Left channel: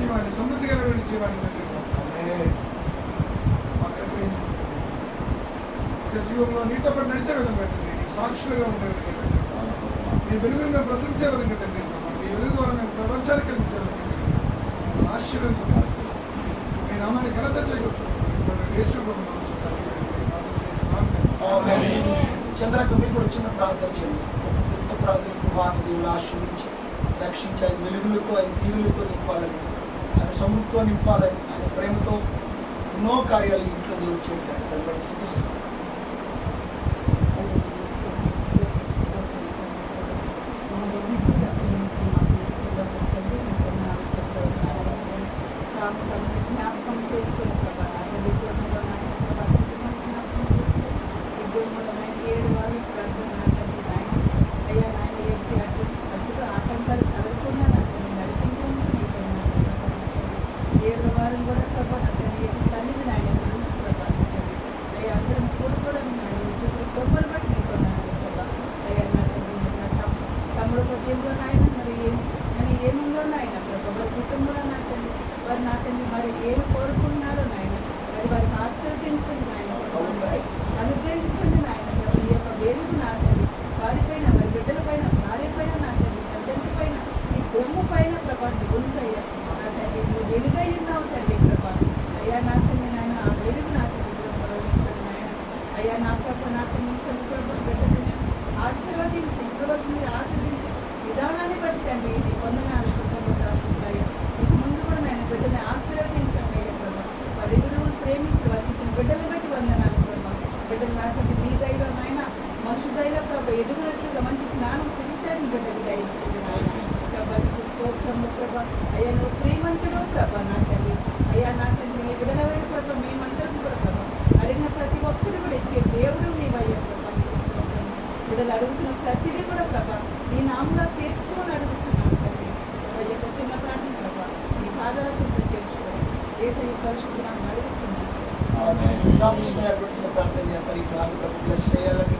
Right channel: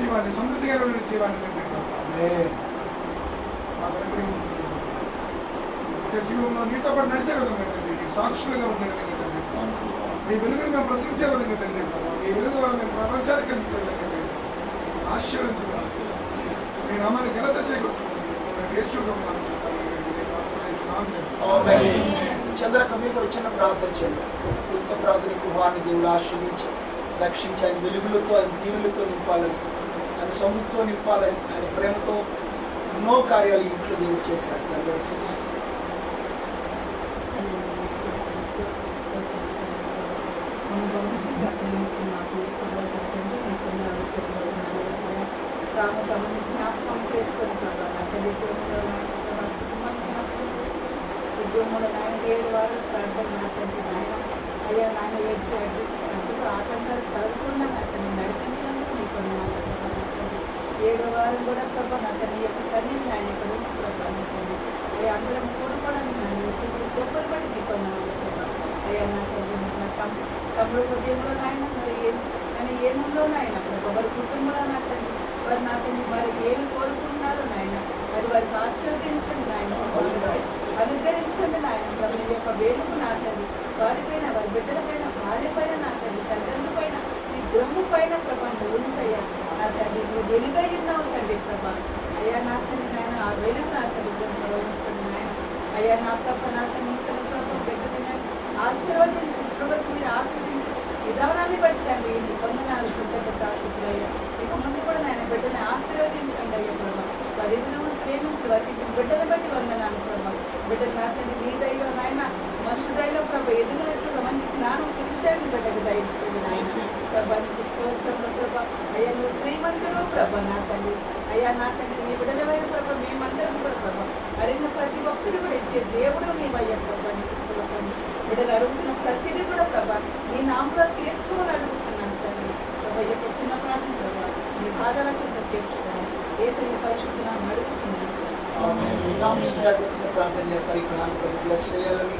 జీవాన్ని, సమృద్ధికరమైన జీవాన్ని జీవంలో నీతో పాటు నడిచే విధంగా తండ్రి, నీకు సాక్షులుగా ఉండే విధంగా తండ్రి, నీ వెలుగును మేము ప్రశ్నించే విధంగా తండ్రి, నీ వెలుగు ద్వారా మేము ప్రపంచానికి కనిపించే విధంగా తండ్రి ఆశీర్వదించున్నాం. మీ నామాన్ని ఘనత చేయవచ్చు. చంద్రక మీరు కూడా చిన్న ప్రార్థన చేయండి. కొత్త ప్రార్థనకు వారిని దేవుడు ఆశ్రయించి రక్షించి ఆయన వెలుగులతో, ఆయన దీవులతో నింపాలని, ఆయన సొమ్ముతో నింపాలని, ఆయన ప్రేమతో ఎన్నో కార్యాలు ఇంట్లో దేవుడు చేశారు. దానిలో స్థుతిస్తున్నాం. అయ్యా నాన్న అడ్డుగా ఆటంకాలు కలుగుతున్నా నాకు నేను నడిపించాను. నీకు 7వ వారం కూడా ప్రభా నాకు నీ యొక్క సన్నిధి ఆయన అయ్యా అక్కడ కూడా నాన్న గొప్పలు పడి నీకు ప్రభా అయ్యా నాకు నా తమ్ముడు ఉదయంలో నాయన మరి ఆయన ఏముందో నాయన ప్రభా వారి కుటుంబంలో నాకండి వారు నాకండి వారు ఏమి కోరుకుంటున్నారో నాయన అది వారిని ఆశీర్వదించండి నాయన, అనుగ్రహించండి నాయన ప్రభు. ఈ యొక్క వేలుగు నాకండి వారిపైన, వారి బిడ్డల పైన, భార్య పైన, నాకండి తల్లిదండ్రుల పైన, నీ గొమ్ము పైన ప్రభా ఉంచయ్యా నాకండి. నువ్వు వెలుగయ్యుతావు తండ్రి ప్రభా. అయ్యా నాకండి నాయన ఆ వెలుగు నాకండి ఉంచండి నాయన. అయ్యా నా తప్ప నాకండి ప్రభు బిడ్డని ఆశీర్వదించి ఇప్పటివరకు మీరు ఆశీర్వదించి విధానాన్ని బట్టి తండ్రి నీ వందనాలు కృతజ్ఞత ఆశీర్వయ్యా. ఇక ముందు కూడా నాయన బిడ్డని ఆశీర్వదించండి అయ్యా ప్రభా. వారి గురువును ప్రేమించి వారికి ఇచ్చిన బిడ్డల బట్టి వందనాలు ప్రభా. బిడ్డలు నాకండి మీ దైవం నాయన మనుషుదైలో ప్రభా ఎదుగునట్లుగా మంచి జ్ఞానం పుట్టాను బిడ్డకు దయచేయండి నాయన ప్రభా. నీకు స్తోత్రంలో ప్రభా. అయ్యా నువ్వు శ్రీమంతుడు ప్రభా నా తండ్రి. అయ్యా నా తండ్రి మీ బిడ్డలవైన ప్రభా మేమందరం కూడా ప్రభా అడిగిన ప్రతి ఒక్కరు కూడా ఇచ్చే దేవుడు నీవయ్యా ప్రభా. నీకు స్తోత్రం. బిడ్డలు అడుగుతున్న ప్రతిదీ కూడా ప్రభా నీ నామంలో తీర్చుకొని అడుగుతున్నాను తండ్రి ప్రభా. యొక్క చిన్న ప్రార్థన ప్రభా నీ పాదాల కింద తీర్చుకోండి. యేసయ్య పరిశుద్ధ నామమున అడుగుతున్నాను. వచ్చిన ప్రార్థన చేస్తారు. ఇప్పుడు బ్లెస్ చేయాలని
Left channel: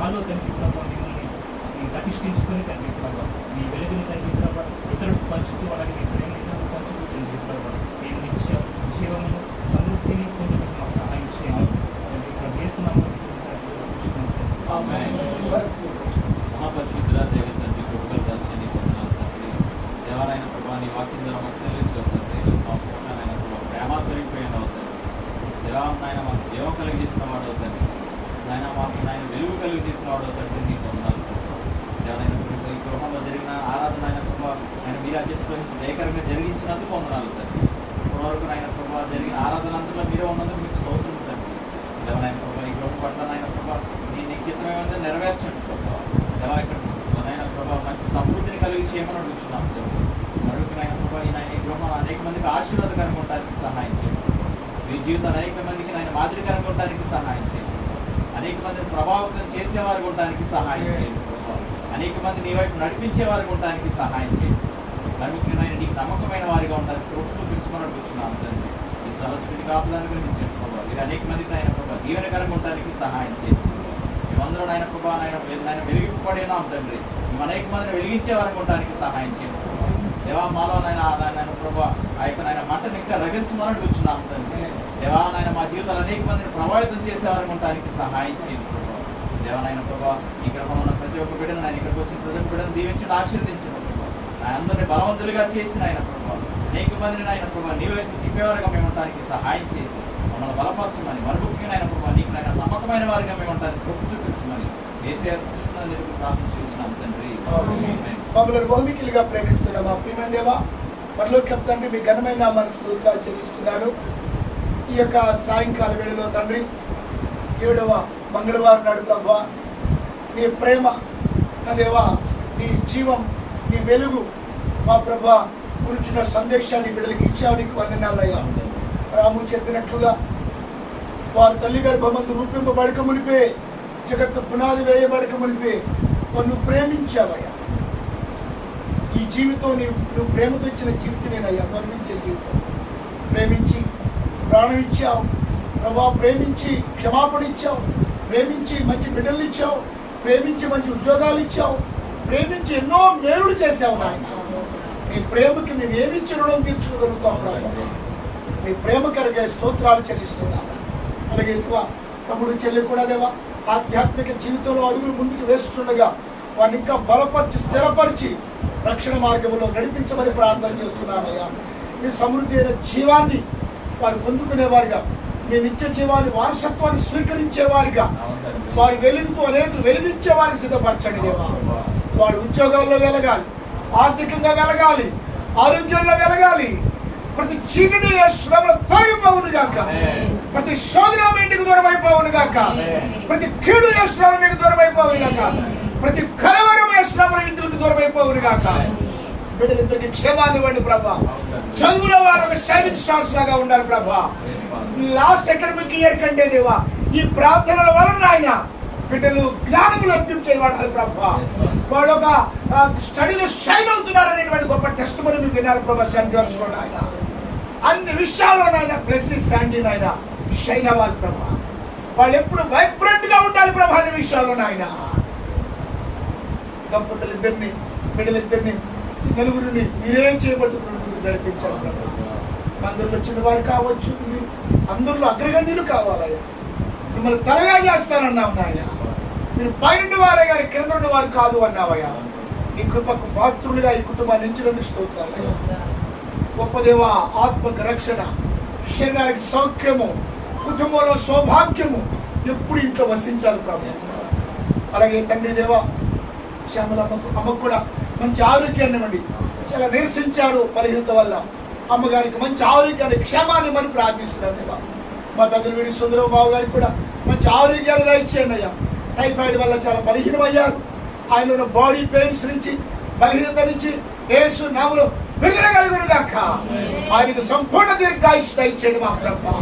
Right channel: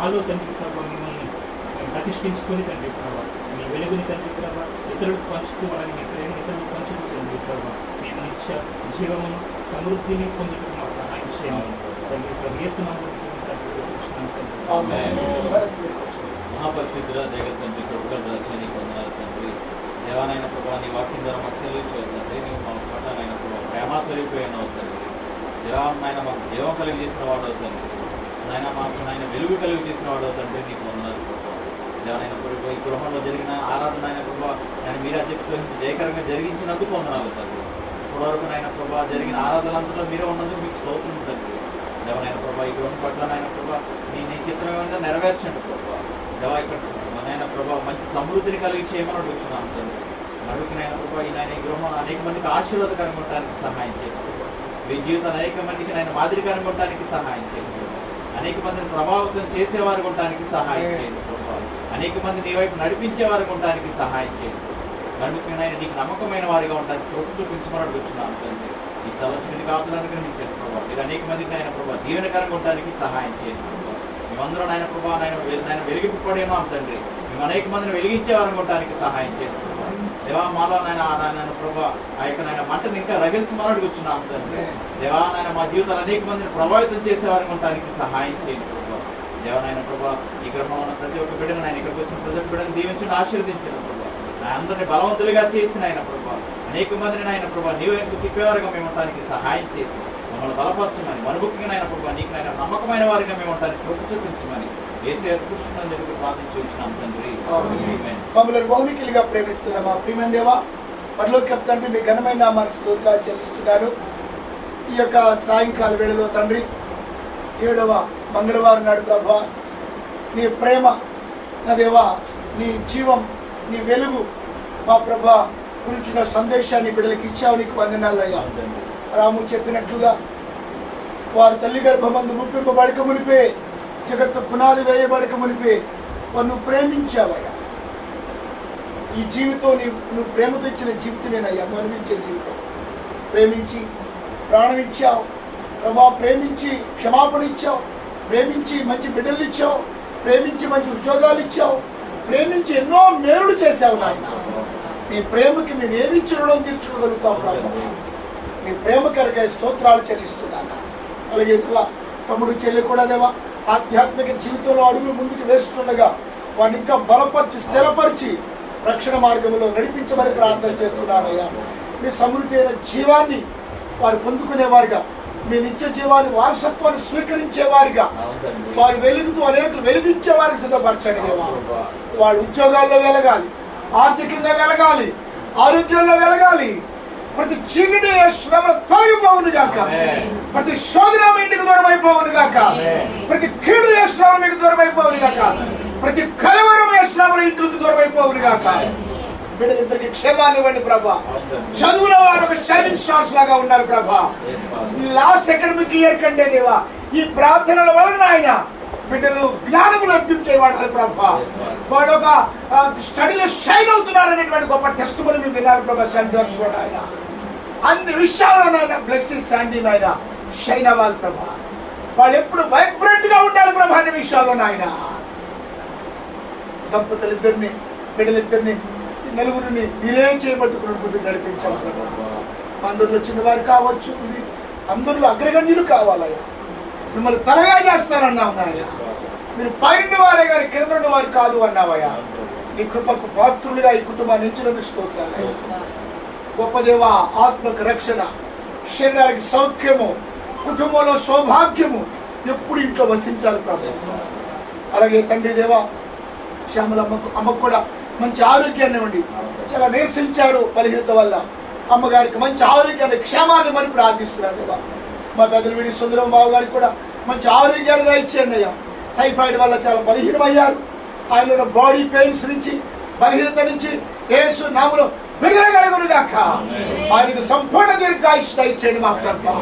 మాలో తండ్రి ప్రభావ మిమ్మల్ని ప్రతిష్ఠించుకొని తండ్రి ప్రభావ మీ వెలుగుని తండ్రి ప్రభావ ఇతరులకు పంచుతూ వాళ్ళని మీ ప్రేమ ఇతరులకు పంచుతూ తండ్రి ప్రభావ మేము నిత్య జీవమును సమృద్ధిని పొందుటకు మా సహాయం చేయాలి తండ్రి ప్రభావ మహాపరిశుద్ధుల దగ్గర తండ్రి కొడుకులు రాజ్యాన్ని పొందాలి తండ్రి. దేవాలైన ప్రభావ నీ వాక్యం ద్వారా మాకు సెలవించవుతుంది. నువ్వు మా పట్ల నాయన ప్రభావ ప్రేమ స్వరూపమైన అవుతుంది. నాయన మాకు జీవం కలిగి చేసిన వాడు అవుతుంది. నాయన మాకు నాయన వెలుగు కలిగి చేసిన వాడు అవుతుంది. నీకు వందనాలు దేవాలైన ప్రభావ ఈ గృహంలో జరిగిన ఆరాధన ఆయన ప్రభావ ఆయన మీరు అధ్యక్షులు జయకరంగా జరిగించినందుకు వందనాలు తండ్రి. ఇప్పటివరకు నాయన ప్రభావ జరిగిన ఆరాధన అంతలో మీరు ఉన్నందుకు మీకు స్తోత్రం తండ్రి. దేవాలైన ప్రభావ ఈ గృహం పట్ల నాయన ప్రభావ నీ చిత్రం ఏమైనా నెరవేర్చండి ప్రభావ. దేవా ఇక్కడ నాయన ప్రభావ మంచి సమృద్ధిని కలిగి చేయమని అడుగుతున్నాను తండ్రి. అడుగుతున్నాయన ప్రభావ ఈ నాయన ఈ గృహం అనేక మందికి ఆశీర్వాదకరంగా ఉండడానికి సహాయం చేయండి. మీ జీవితాన్ని అనేక మందికి ఆయన మాదిరికరంగా ఉండడానికి సహాయం చేయండి. అనేక మందిని ప్రభావితం చేసేవారు ఉండడానికి సహాయం చేయండి ప్రభావ. అనేక మంది నీ వైపు నడిపించేవారు ఉండడానికి సహాయం చేయండి. కనుక నీకు నమ్మకమైన వారిగా ఉండడానికి కృప చూపించమని అడుగుతున్నాను తండ్రి. ఈ సంవత్సరం కాపులను గ్రహించండి ప్రభావ. మీరు అనేక మందికి ఆయన ప్రభావ దీవెనకరంగా ఉండడానికి సహాయం చేయండి. మేమందరూ ఆయన ప్రభావ ఆయన వెలిగింపబడినాం తండ్రి. మేము అనేక మందిని వెలిగించే వారు ఉండడానికి సహాయం చేయండి. దేవా మాలో నాయన ప్రభావ ఆ యొక్క నాయన మంటను ఇంకా రగిల్చమని అడుగుతున్నాం తండ్రి. దేవా నాయన మా జీవితాలు అనేక మందిని ప్రభావితం చేసేవారు ఉండడానికి సహాయం చేయండి ప్రభావ. దేవానాయన ప్రభావ ఈ గృహంలో ఉన్న ప్రతి ఒక్క బిడ్డను ఆయన ఇక్కడికి వచ్చిన ప్రతి ఒక్క బిడ్డను దీవించండి, ఆశీర్వదించండి ప్రభావ. ఆయన అందరినీ బలవంతులుగా చేసిన ఆయన ప్రభావ అనేక మందిని ఆయన ప్రభావ నీవు ఎందుకు తిప్పేవారుగా మేము ఉండడానికి సహాయం చేసి మమ్మల్ని మమ్మల్ని బలపరచమని, మరుగుకినైనా ప్రభావ నీకునైనా నమ్మకమైన వారిగా మేము ఉంటానికి కృప చూపించమని ఏసే కృష్ణని చెప్పి ప్రార్థించున్నాం తండ్రి. మమ్మల్ని బహుమికిలుగా ప్రేమిస్తున్నా మా ప్రియమైన దేవా, పరలోక తండ్రి మీ ఘనమైన నామానికి స్తోత్రాలు చెల్లిస్తున్నారు. ఈ యొక్క సాయంకాల వేళలో తండ్రి 7వ మంగళవారం నాడు ప్రభా నీ ప్రేమ నా దేవా, నీ జీవం, నీ వెలుగు మా ప్రభా గురించిన సందేశాన్ని బిడ్డలకి ఇచ్చావు, నీకు వందనాలయ్యా. రాము చెప్పినట్లుగా వారి తల్లి గర్భమందు రూపింపబడక మునిపే, జగత్తు పునాది వేయబడక మునిపే వారు ప్రేమించావయ్యా. ఈ జీవితం నువ్వు ప్రేమతో ఇచ్చిన జీవితమేనయ్యా, మరణించే జీవితం. ప్రేమించి ప్రాణం ఇచ్చావు ప్రభా, ప్రేమించి క్షమాపణ ఇచ్చావు, ప్రేమించి మంచి బిడ్డలు ఇచ్చావు, ప్రేమించి మంచి ఉద్యోగాలు ఇచ్చావు, ప్రేమించి ఎన్నో మేలులు చేశావు నాయన. నీ ప్రేమకి మేము ఏమి ఇచ్చడం తీర్చుకోగలుగుతాం ప్రభా. నీ ప్రేమ కనుక స్తోత్రాలు చెల్లిస్తున్నాను. అలాగే తమ్ముడు చెల్లి కూడా దేవా ఆధ్యాత్మిక జీవితంలో అడుగులు ముందుకు వేస్తుండగా వారిని ఇంకా బలపరిచి స్థిరపరిచి రక్షణ మార్గంలో నడిపించమని ప్రార్థన చేస్తున్నానయ్యా. మీ సమృద్ధి అయిన జీవాన్ని వారు పొందుకునేవారుగా, మీ నిత్య జీవాన్ని వారసత్వాన్ని స్వీకరించేవారిగా, వారి వెలుగుతూ అనేకులు వెలిగించే వారికి సిద్ధపరచండి దేవా. వారి ఉద్యోగాల్లో వెలగాలి, ఆర్థికంగా వెలగాలి, ఆరోగ్యంలో వెలగాలి. ప్రతి చీకటి శ్రమ తొలగిపోవును గాక, ప్రతి శోధన మీ ఇంటికి దూరం అయిపోవును గాక, ప్రతి కీడు శ్రమ మీకు దూరం అయిపోవును గాక, ప్రతి కలవరం శ్రమలు ఇంటికి దూరం అయిపోవును గాక. బిడ్డలిద్దరికి క్షేమాన్ని ఇవ్వండి ప్రభా. చదువుల వారు ఒక షైనింగ్ స్టార్స్ లాగా ఉండాలి ప్రభా. లాస్ట్ అకాడమిక్ ఇయర్ కంటే దేవా ఈ ప్రార్థనల వలన ఆయన బిడ్డలు జ్ఞానములు అర్పించేవాడు ప్రభా. వాడు ఒక స్టడీలో షైన్ అవుతున్నారు అనేటువంటి గొప్ప టెస్ట్ మరి మీరు వినాలి ప్రభా. ఆయన అన్ని విషయాల్లోనైనా బ్లెస్ శాండీ ఆయన షైన్ అవ్వాలి ప్రభా. వాళ్ళు ఎప్పుడు వైబ్రెంట్ గా ఉండాలి ప్రభా అన్ని విషయాల్లోనైనా. దంపతులు ఇద్దరిని, బిడ్డలిద్దరిని, నలుగురిని మీరేం చేయబట్టుకుని ముందుకు నడిపించాలి ప్రభా. అందరిలో చిన్నవారు కావచ్చు, అందరిలో అగ్రగణ్యులు కావాలయ్యా. మిమ్మల్ని తలగా చేస్తానన్నావు నాయన. మీరు పైన వారే గారి కింద వారు కాదు అన్నావయ్యా. నీ కృపకు పాత్రులుగా ఈ కుటుంబాన్ని ఇచ్చినందుకు స్తోత్రాలు. గొప్ప దేవ, ఆత్మకు రక్షణ, శరీరానికి సౌఖ్యము, కుటుంబంలో సౌభాగ్యము ఎప్పుడు ఇంట్లో వసించాలి ప్రభు. అలాగే తండ్రి దేవ, శ్యామల అమ్మకు కూడా మంచి ఆరోగ్యాన్ని ఇవ్వండి. చాలా నీరసించారు బలహీనత వల్ల. అమ్మగారికి మంచి ఆరోగ్యాన్ని, క్షేమాన్ని మరి ప్రార్థిస్తున్నారు దేవా. మా పెద్దలు వీడి సుందరం బాబు గారికి కూడా మంచి ఆరోగ్యాలు దయచేయండి అయ్యా. టైఫాయిడ్ వల్ల చాలా బలహీనమయ్యారు. ఆయన బాడీ పెయిన్స్ నుంచి, బలహీనత నుంచి యేసు నామములో విడుదల కలుగును గాక. ఆయనకు సంపూర్ణ దీర్ఘాయుష్షు దయచేయండి మా ప్రభు.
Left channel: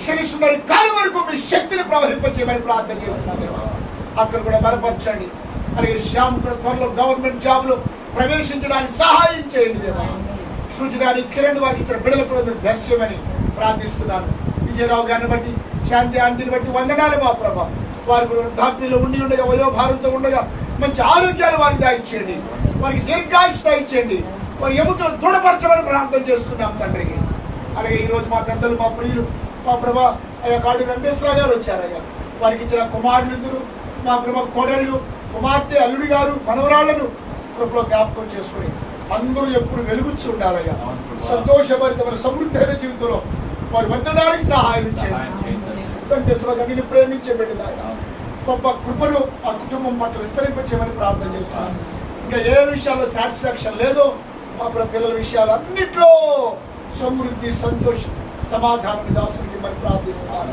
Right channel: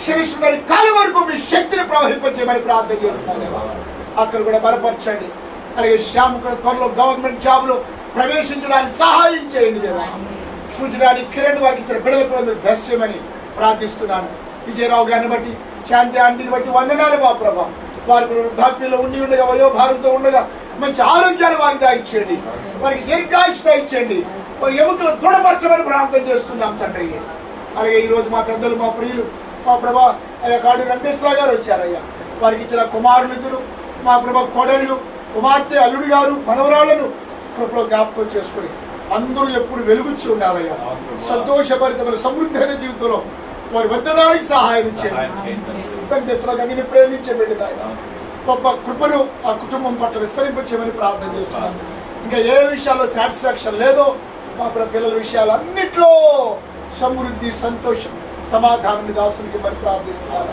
క్షమిస్తున్న కాలం వరకు మీ శక్తిని ప్రవహింపచేయమని ప్రార్థన చేస్తున్నాను దేవా. అక్కడ కూడా బలపరచండి. అలాగే శ్యామ్ కూడా త్వరలో గవర్నమెంట్ జాబ్ లో ప్రవేశించడానికి సహాయం చేయండి దేవా. సూచడానికి కిరణ్ వారికి ఇచ్చిన బిడ్డలు కూడా మీరు బ్లెస్ చేయమని ప్రార్థిస్తున్నాను. విజయరావు గారిని బట్టి, శాంతి ఆంటీని బట్టి వందనాలు మా ప్రభా. వారి కూడా వృద్ధాప్యంలో ఉండి ఉండగా, వయోభారంతో ఉండగా మంచి ఆరోగ్యాలు వారికి దాయిచ్చేయండి. వారికి దీర్ఘాయుష్షు దాయిచ్చేయండి. వారి ఎముకలు దృఢపరచమని ప్రార్థన చేస్తున్నాం తండ్రి. అలాగే ఈరోజు మా పెద్దలు, మా ప్రియులు, మా ప్రభా అయ్యా కాడు రంగేశ్వరరావు గారు వచ్చారయ్యా. వారికి ఇచ్చిన కుమారులు ఇద్దరు, మా ప్రభా కోడళ్ళు, కుమార్తె, అల్లుడి గారు, మనవరాళ్లను కృపలో జ్ఞాపకం చేసుకుని అందరూ ఎప్పుడు వెలుగుచ్చి ఉండాలయ్యా. సంతోషభరితమైన సమృద్ధి అయిన జీవితంలో వారి వర్ధనానికి సహాయం ఇచ్చేయండి. వెంకటేశ్వర గారిని ప్రేమించే బిడ్డ గొప్ప కృపను ఆ కుటుంబం పట్ల విస్తరింపచేయమని ప్రార్థన చేస్తున్నాను. ఇంకా ఏ విషయాల్లో సాటిస్ఫాక్షన్ లేదో మా పిల్లల విషయాలు అన్నిట్లో సమృద్ధి, సంతోషం, సమాధానాన్ని దాసునికి మరి ప్రార్థిస్తున్నాను.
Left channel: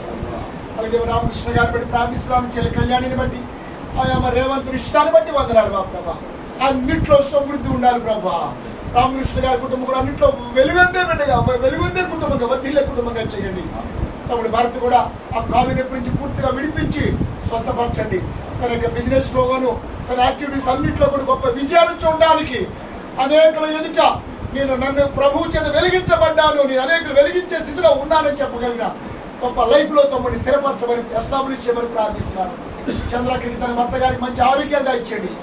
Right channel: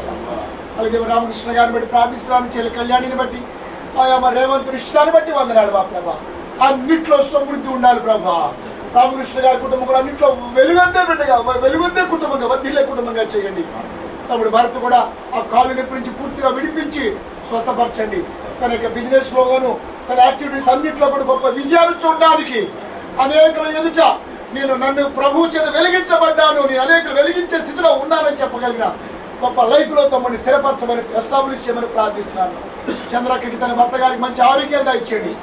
అలాగే రామకృష్ణ గారిని బట్టి ప్రార్థిస్తున్నాను. చెల్లి కళ్యాణిని బట్టి, ఆయా మా రేవంత్ ఇష్టాన్ని బట్టి వందనాలు మా ప్రభా. అన్నిట్లో సమృద్ధి ఉండాలి ప్రభా. రామకృష్ణ గారి కుటుంబం కూడా అన్నింటిలో వెలుగందే బిడ్డగా, వెలుగందే కుటుంబంగా, వర్ధిల్లే కుటుంబంగా చేయండి. తమ్ముడు భరత్ కూడా ఆ కాలు నొప్పి నుంచి పూర్తిగా విడిపించి స్వస్థపరచండి. తన యొక్క బిజినెస్ లోగాను, తన యాక్టివిటీస్ అన్నింటిలో కూడా గొప్ప విజయాలు చూడడానికి, అనేకుల ఎదుట నన్ను ప్రభువు చేత వెలిగించబడ్డాను, నేను అనేకులు వెలిగించే స్థితిలో ఉన్నానని చెప్పగలిగిన గొప్ప లైఫ్ లో తమ్ముడిని స్థిరపరచమని, ఎస్టాబ్లిష్ చేయమని ప్రార్థిస్తున్నాను. చంద్రకి తన భర్త గారికి మంచి ఆరోగ్యంగా ఇచ్చేయండి.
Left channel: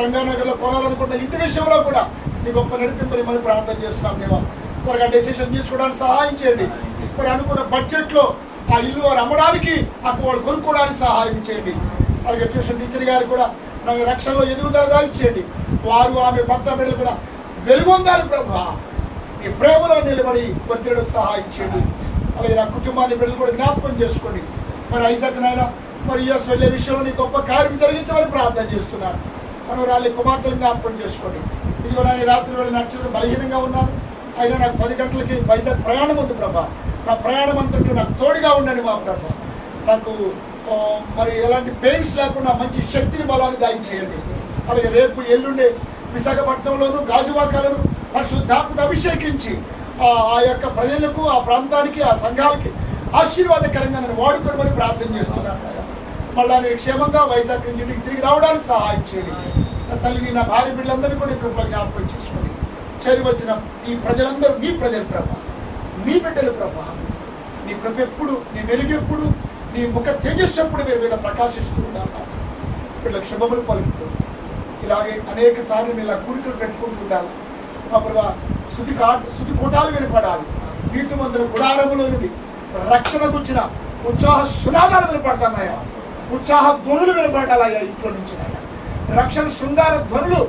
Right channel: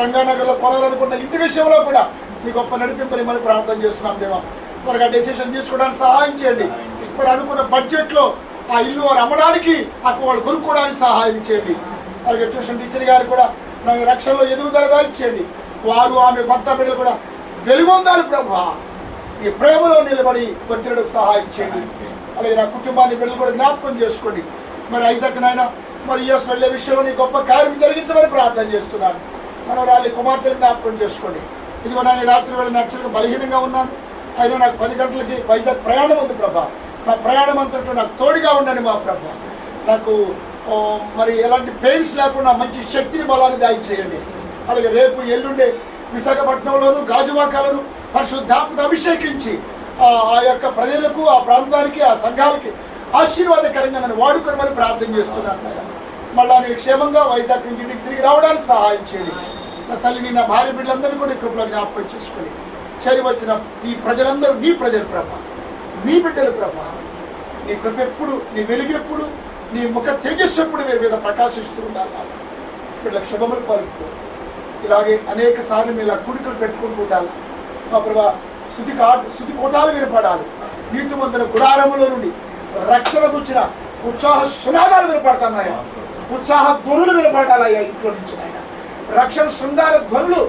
రంగానగర్ లో కొనాలనుకున్న ఇంటి విషయంలో కూడా నీ గొప్ప నడిపింపని మనం ప్రార్థన చేస్తున్నాం దేవా. త్వరగా డెసిషన్ తీసుకోవడానికి సహాయం చేయండి. ఇప్పుడు అనుకున్న బడ్జెట్ లో ఆ ఇల్లు వారు అమ్మడానికి, అక్కడ వాళ్ళు కొనుక్కోవడానికి సహాయం చేయండి. అలాగే ట్యూషన్ టీచర్ గారు కూడా నాకు రక్షణలో ఎదుగుదలగా ఇచ్చేయండి. వారు, ఆమె భర్త బిడ్డలు కూడా వెలుగొందాలి ప్రభా. ఈ ప్రేమలో నిలబడి వర్ధిల్లడానికి సహాయం చేయండి. అలాగే నా కుటుంబాన్ని బిడ్డలు కూడా జ్ఞాపకం చేసుకోండి. మరి ఐజాక్ నాయన మరి యుఎస్ వెళ్ళే విషయంలో నీ గొప్ప కార్యం జరిగించమని ప్రార్థన చేస్తున్నాను. మనవరాలి కుమార్తెలు జ్ఞాపకం చేసుకోండి. ఇదిగో నాయన రాత్రి వేళ యాక్చువల్గా బలహీనంగా ఉన్నాను, అయినా నాకు 10 గంటలకి వైజాగ్ ప్రయాణం ఉంది ప్రభా. నా ప్రయాణం అంతటా నాకు తోడుగా ఉండండి మా ప్రభా. నాకు మరి ఎలాంటి పెయిన్స్ లేకుండా మంచి శక్తిని బలాన్ని దయచేయండి. అలాగే రేపు ఎల్లుండే విశాఖపట్నంలోను గాజువాకాలను పరిశుద్ధాత్మక అభిషేకించి ఆ యొక్క ప్రజలకు, ఆ ప్రాంతానికి, ఆ సంఘాలకి ఆశీర్వాదకరంగా నన్ను వాడుకోమని ప్రార్థన చేస్తున్నాను. మళ్ళా నేను క్షేమంగా వైజాగ్ ఇంటికి తిరిగి రావడానికి సహాయం చేయండి. నా తల్లిని, నా భార్య బిడ్డలందరినీ కూడా కృపలో జ్ఞాపకం చేసుకోండి. చేరి వచ్చిన ఈ ప్రజలందరూ నీ ప్రజల ప్రభా, నీ బిడ్డల ప్రభా. నీ కృప ఎప్పుడు, నీ వెలుగు ఎప్పుడు, నీ ముఖ తేజస్సు ఎప్పుడు మీరు మీద ప్రకాశిస్తూ ఉండాలి. వీళ్ళకి శుభములు పలుకుతూ ఇలాగే అనేక సార్లు మీరు కూడికలు పెట్టుకుంటూ ఉండాలి మా ప్రభా. స్తుతి కోటాలు వినపడాలి. నీతిమంతుల గుడారములో నుండి రక్షణ గుర్చిన ఉత్సాహ సునాదాలు వినపడతాయి. ఉత్సాహ ధ్వనులు వినపడాలయ్యా ఇంట్లో నుంచి ఆయన. రక్షణ శృంగార ధ్వనులు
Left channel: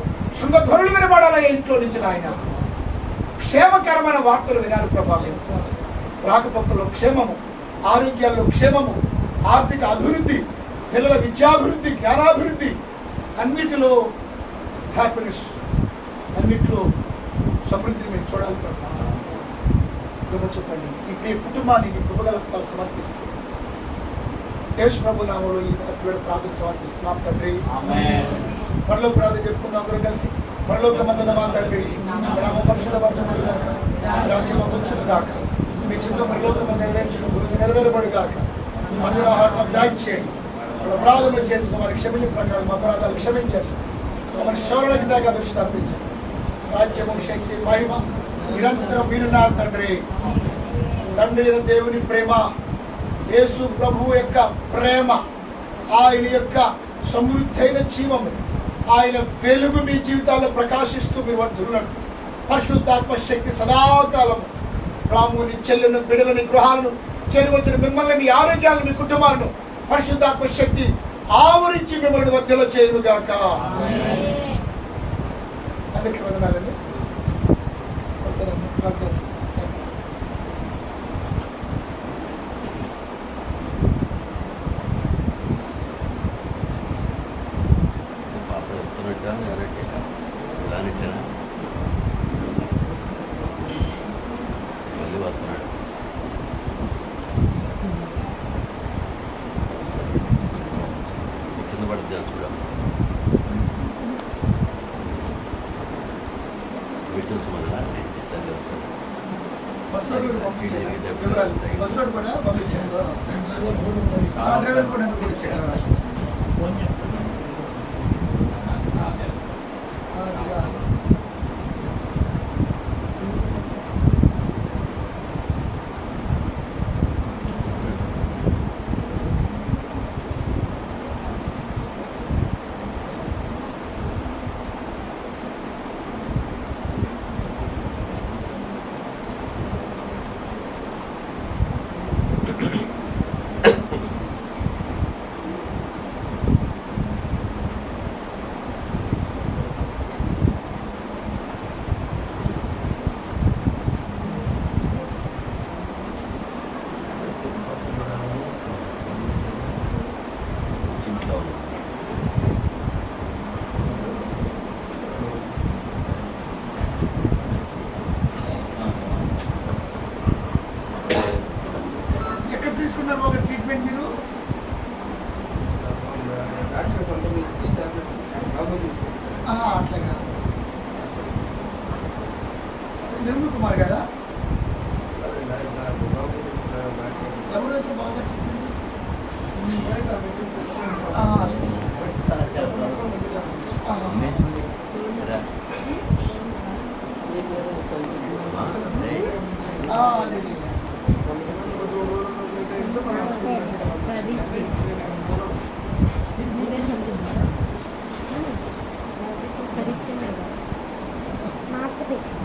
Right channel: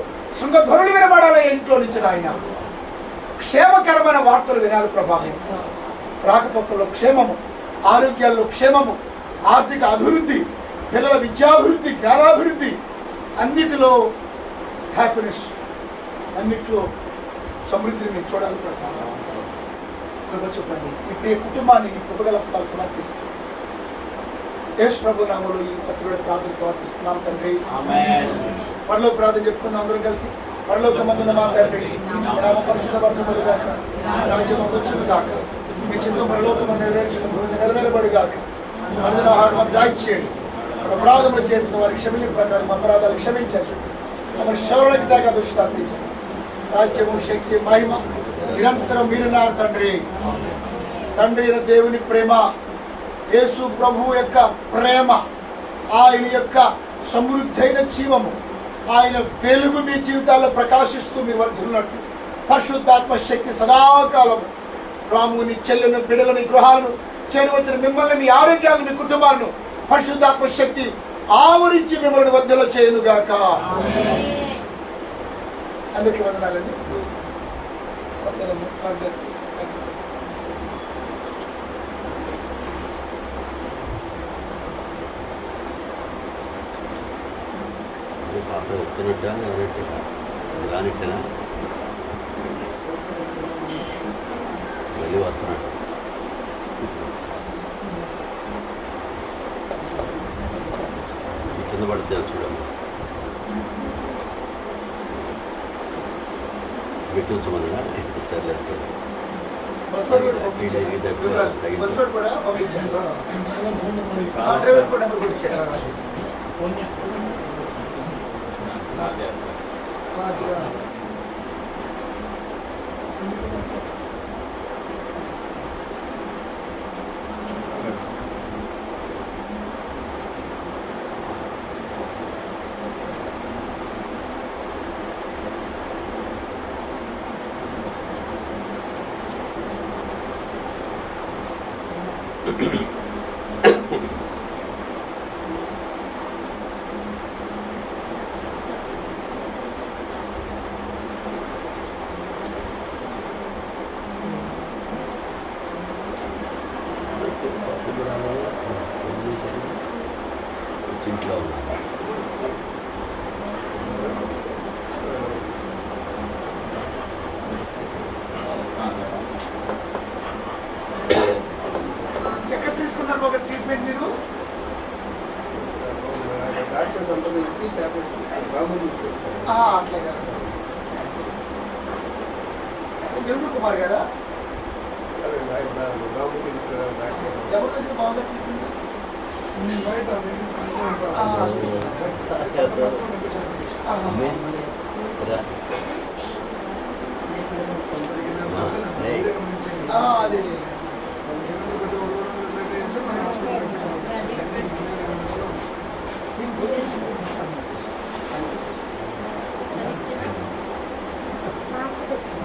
వినపడాలయ్యా ఇంట్లో నుంచి ఆయన. క్షేమకరమైన వార్తలు వినాలి ప్రభావం. రాకపోకల్లో క్షేమము, ఆరోగ్యాల్లో క్షేమము, ఆర్థిక అభివృద్ధి, పిల్లల విద్యాభివృద్ధి, జ్ఞానాభివృద్ధి, అన్నిటిలో హ్యాపీనెస్, అన్నిటిలో సమృద్ధిని మీరు చూడాలి ప్రభావం. కృప చెప్పండి. ఈ ప్రియ కుటుంబాన్ని మీ కృపగల స్థలాలు సమర్పిస్తూ యేసు ప్రభు నామములో ఈ రాత్రి ప్రార్థన సమర్పిస్తున్నాం తండ్రి. పరలోక ప్రార్థన చెప్పుకున్నాం అందరూ కలిసి. పరలోకమందున మా తండ్రి, నామ పరిశుద్ధపరచబడు గాక, రాజ్యం వచ్చును గాక, మీ చిత్తం పరలోకమందు నెరవేరబడు గాక. అందరూ ఆహారం మాకు దయచేయండి. అపరాధములు చేసిన వారికి క్షమించిన ప్రకారం అపరాధాలు క్షమించండి. మన శౌర్యానికి దాకా దృష్టి తప్పించండి. రాజ్యము, శక్తి, మహిమ నిరంతరం మీరున్నారు తండ్రి. తండ్రి అయిన దేవుని ప్రేమ, యేసు ప్రభు యొక్క ప్రేమ, ఆయన యొక్క సమృద్ధైన జీవము, ఆయన వెలుగు మీ జీవితాల్లో ప్రకాశిస్తూ మీ వర్ధున్నట్టు పరిశుద్ధాత్మ శక్తి సదాకాలము రాముని, చెల్లెలను, బిడలని, గృహాలను చేరవచ్చిన మిమ్మల్ని, మీ ఆరోగ్యాలను, మీ కుటుంబాలను పరిశుద్ధాత్మ శక్తి ఆవరించి మిమ్మల్ని వర్ధలో చేయదుగాక. అందరికీ వందనాలండి. కింద పడితే చూడండి, బస్సు కూడా పంపించారు. ఫోన్ చేస్తాను. ఇంట్లో ఎక్కడ తీసుకున్నారు ఒక ట్రీట్మెంట్ మీరు? అట్లాగా. నిర్మల్ కుమార్ గారా? ఎవరి దగ్గర బాగుంది ట్రీట్మెంట్? బయట అదే నాకు